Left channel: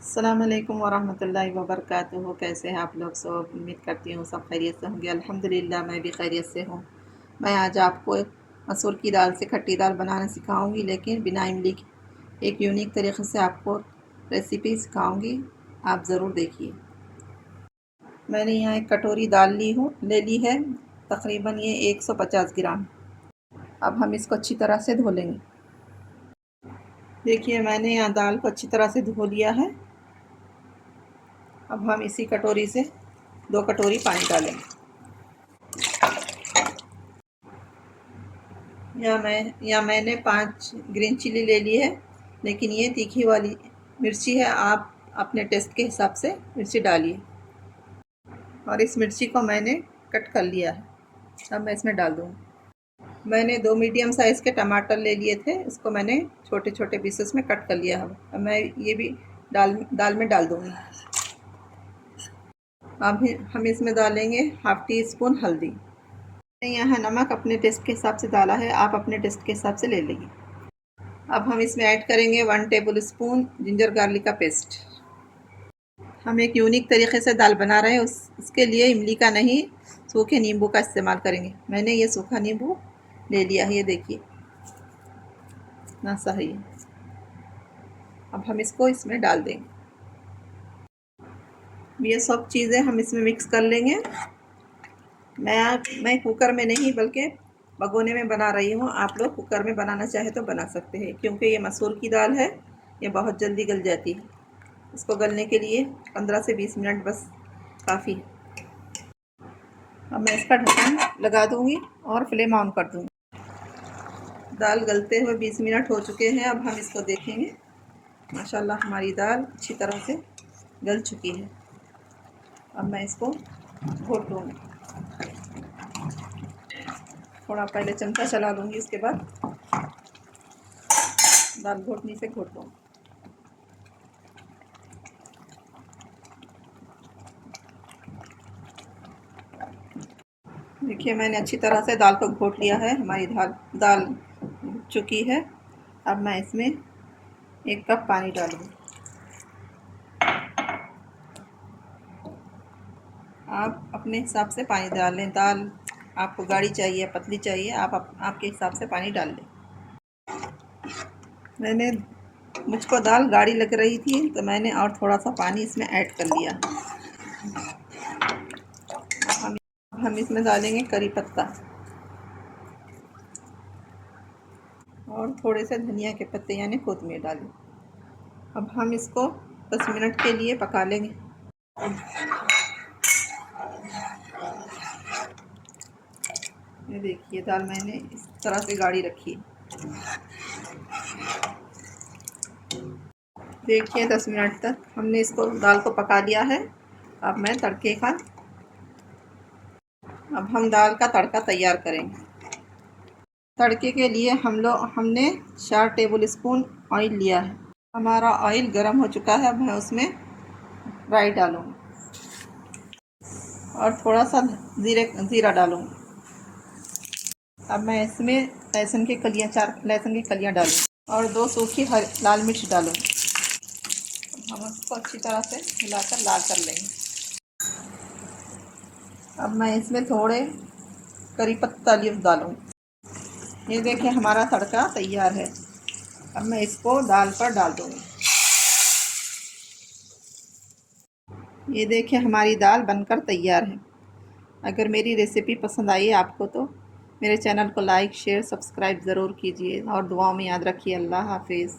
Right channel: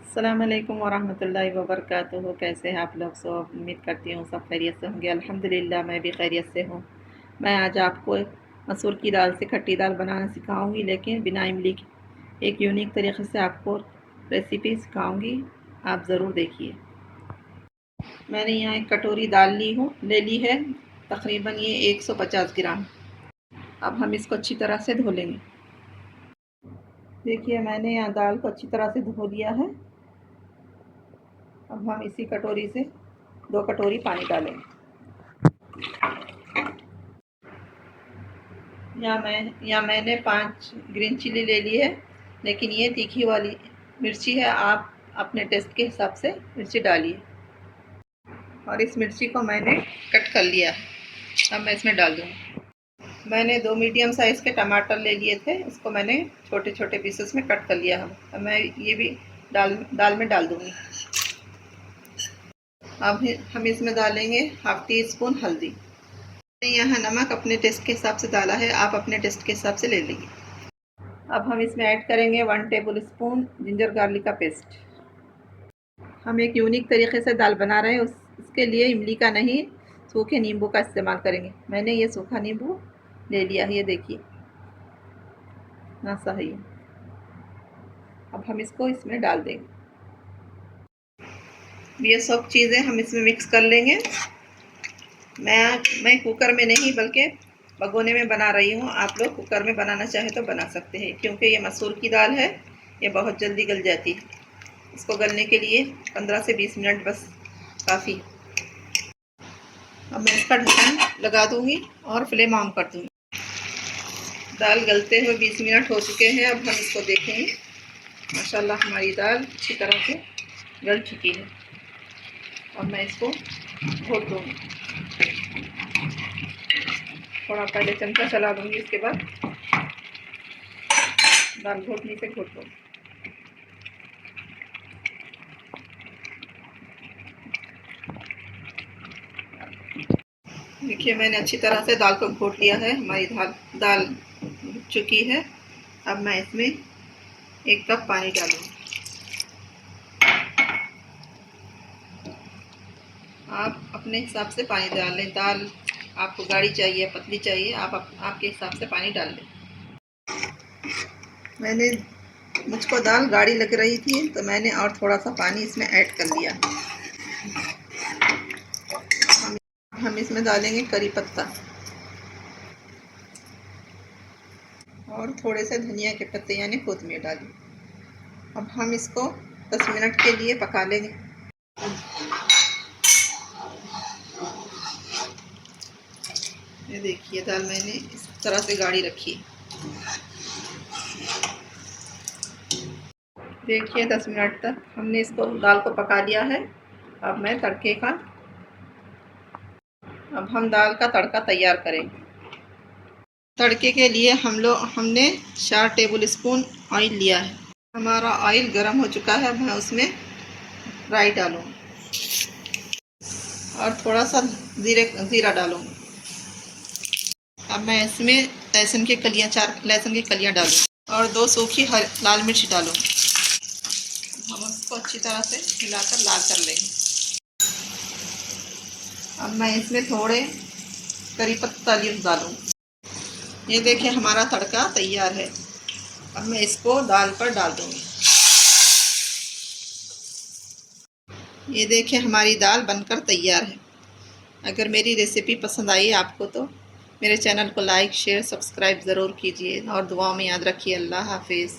अस्सलाम वालेकुम वरहमतुल्लाहि वबरकातुहू। कैसे हैं आप लोग? सब उम्मीद करती हूँ सब खैरियत से होंगे। अल्हम्दुलिल्लाह मैं भी खैरियत से हूँ। मैं आज आपको मसूर की दाल से खट्टी दाल बनाना सिखाऊंगी, लेकिन बिना इमली की। एक यूनिक तरीके से आपको रेसिपी सिखाऊंगी, आप ज़रूर देखिए। मैंने यहाँ एक कटोरी दाल ले ली है, तकरीबन ये 150 ग्राम। अब हम इसको अच्छी तरह से धो लेंगे। देखिए मैंने यहाँ दाल को अच्छी तरह से धो लिया है। अब हम इसी कटोरी से 2 कटोरी पानी डालेंगे। या मैंने 5 ग्रीन चिली ले ली है, लेकिन ये तीखी वाली मिर्ची है। आप अपने टेस्ट के हिसाब से मिर्ची डालिए। और इस मिर्ची को मैंने कट कर लिया है, अब मैं इसमें डाल दूँगी। मैंने 2 मीडियम साइज़ के टमाटर ले लिए थे, इसको मैंने छोटे छोटे पीसेस में कट कर लिया है। अब मैं ये भी दाल में डाल दूँगी। अब हम इसमें डालेंगे हाफ़ टी स्पून हल्दी। यहाँ नमक अपने टेस्ट के हिसाब से डाला है, आप अपने टेस्ट के हिसाब से ले लीजिए। अब हम इसमें ऐड करेंगे 1 टेबल स्पून जिंजर गार्लिक का पेस्ट। हम एक यूनिक तरीके से दाल बना रहे हैं, उसके लिए इमली का नहीं, सूखे नींबू का इस्तेमाल करेंगे। मैंने ये सूखा नींबू ले लिया है, ये देखिए ना सही है। अब हम इसको इसमें डाल देंगे। ये सब चीज़ें हम इसमें मिक्स कर लेंगे। मैं कुकर में नहीं बल्कि भगोने में बना रही हूँ। आप लोग कुकर में बनाना चाहे तो बना सकते हैं, क्योंकि ये मसूर की दाल है, ये बहुत जल्दी गल जाती है। इसको गलने के लिए 15 से 20 मिनट बस काफ़ी। अब मैं इसका ढक्कन लगा दूँगी और फ्लेम ऑन कर दूँगी। दाल गलते हुए 20 मिनट हो चुके हैं। अब हम इसको देखेंगे। माशाल्लाह हमारी दाल अच्छी तरह से गल चुकी है। अब मैं इसको घोट दूँगी। थोड़ा पहले चमचा चला दूँगी, इसके बाद दाल घोटनी से घोट दूँगी। देखिए मैंने अच्छी तरह से दाल को घोट लिया है। हमारी दाल घुट चुकी है। अब मैं इसमें 1 कप पानी डालूँगी। आप अपने हिसाब से पानी डाल लें। दाल आपको गाढ़ी चाहिए, पतली चाहिए, आपके हिसाब से पानी डाल लें। मुझको दाल गाढ़ी लग रही थी, तो मैंने और थोड़ा सा पानी इसमें ऐड कर लिया। हम इसमें डालेंगे करी पत्ता और थोड़े से धनिया के पत्ते यानी कोतमीर डालें। अब हम इसको 10 मिनट के लिए पका लेंगे। ये देखिए दाल मैंने इस तरह से गाढ़ी रखी है। देखिए 10 मिनट तक हमने इसको दाल को पका लिया है। अब हम दाल का तड़का तैयार करेंगे। तड़के के लिए हमने 4 टेबल स्पून ऑयल लिया है। हमारा ऑयल गर्म हो चुका है। अब मैं उसमें राई डालूँगी और थोड़ा सा ज़ीरा डालूँगी। अब मैं इसमें 4 लहसुन की कलियाँ डालूँगी और 2 सूखी लाल मिर्च डालूँगी। हम उसको अच्छी तरह से हिलाकर लाल कर लेंगे। अब मैं इसमें थोड़े करी पत्ता लीव्स डालूँगी। ये देखिए हमारा तड़का तैयार है। अब मैं इसको दाल पर डाल दूँगी। ये देखिए हमारी दाल बनकर तैयार है। अगर मेरी रेसिपी पसंद आई आपको तो मेरे चैनल को लाइक शेयर सब्सक्राइब ज़रूर कीजिए और दुआओं में याद रखिए। अल्लाह हाफिज़।